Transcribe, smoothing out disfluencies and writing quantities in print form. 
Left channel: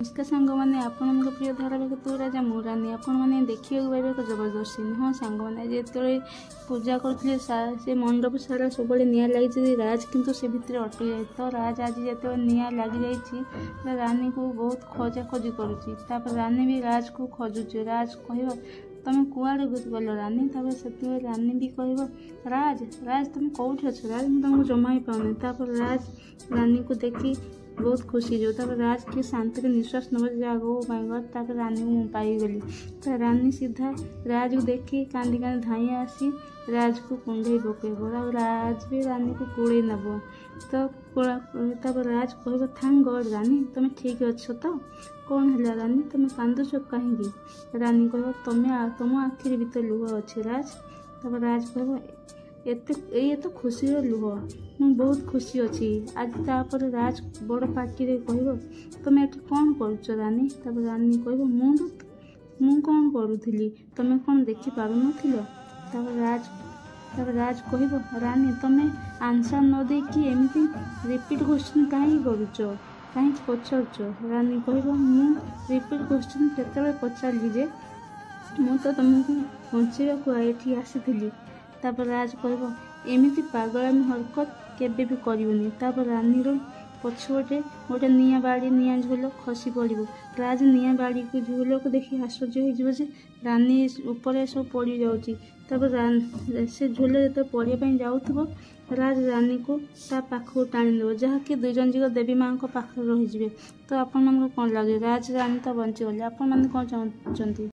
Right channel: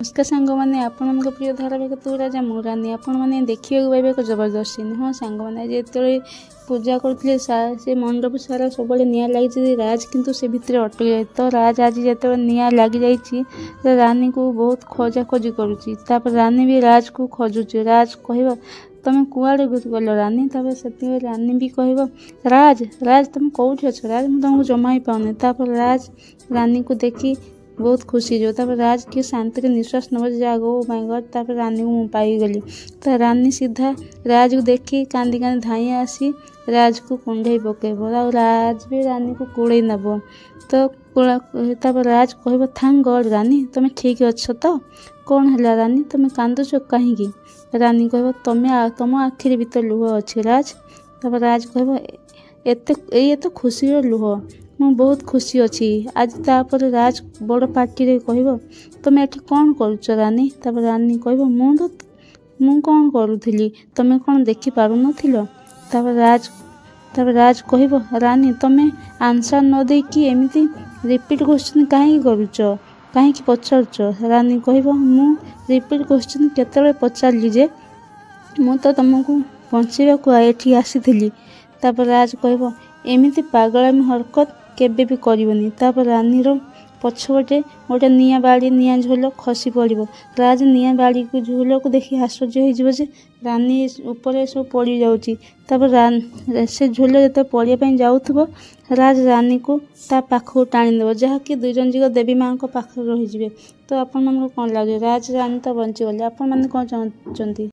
नमस्कार सांग मैंने आपण प्रिय धारावाहिक तू राजा मु रानी आपण मैंने देखा पाइबे एक जबरदस्त सीन। हाँ सांग मैंने जो पूजा करते से मंडप सारा सब निआ लगी राज किंतु से भितर अटक जाए तो राज आज जो निआ लग जा रानी को बहुत खोजा खोजी करुँच रानी भी राज को खोजुची। राज कह तुम कुआड़े गल रानी से रानी भी कह राज राज तुम कौट अच राज मुझे तुमको जमा ही पाऊनी। राज रानी को देखी बहुत खुशी जो राज के शांति के निश्वास नब जागो माय गॉड रानी को मुझे पाईगली। तो रानी सीधा राज को देखी कांदी कांदी धाई आसी राज को कुंडे पकेब राज भी रानी को कुड़े नब तो राज कह थैंक गॉड रानी तुम ठीक अच्छ तो कौन है रानी तुम कांदुच कहीं रानी कह तुम आखिरी भीतर लुह अच्छे राज। राज कह ये तो खुशी लुह मु बहुत खुशी अच्छी आज तापर राज बड़ पार्टी रे कह तुम एठी कौन करुच रानी। रानी कह मु कौन करुथली तुम कौन देखी पारु नथिलो। राज कह रानी तुम आंसर न दे कि एमती रिपीट क्वेश्चन कहीं करुच कहीं पचारुच। रानी कह मु रिपीट क्वेश्चन केतले पचारि जे मु तो तुमको बंचाइबा एठी आसीथिली। राज कह एमती पागलामी हरकत केबे भी करबनी। रानी पछपटे गोटे निआ बाड़ी निआ झोल खसी पड़ो राज निआ बाड़ी को झोल को देखी आश्चर्य हो रानी ऊपर सब पड़ जाऊँगी। से झोल जो पड़ापी जाऊब राज रानी को ता पाखक टाणीदेव जहाँकि दुई जन जाक देवी माँ पाखे रही। तो आपण कौन लगे राज रानी तो बंचीगले आपण मैंने कौन चाहते।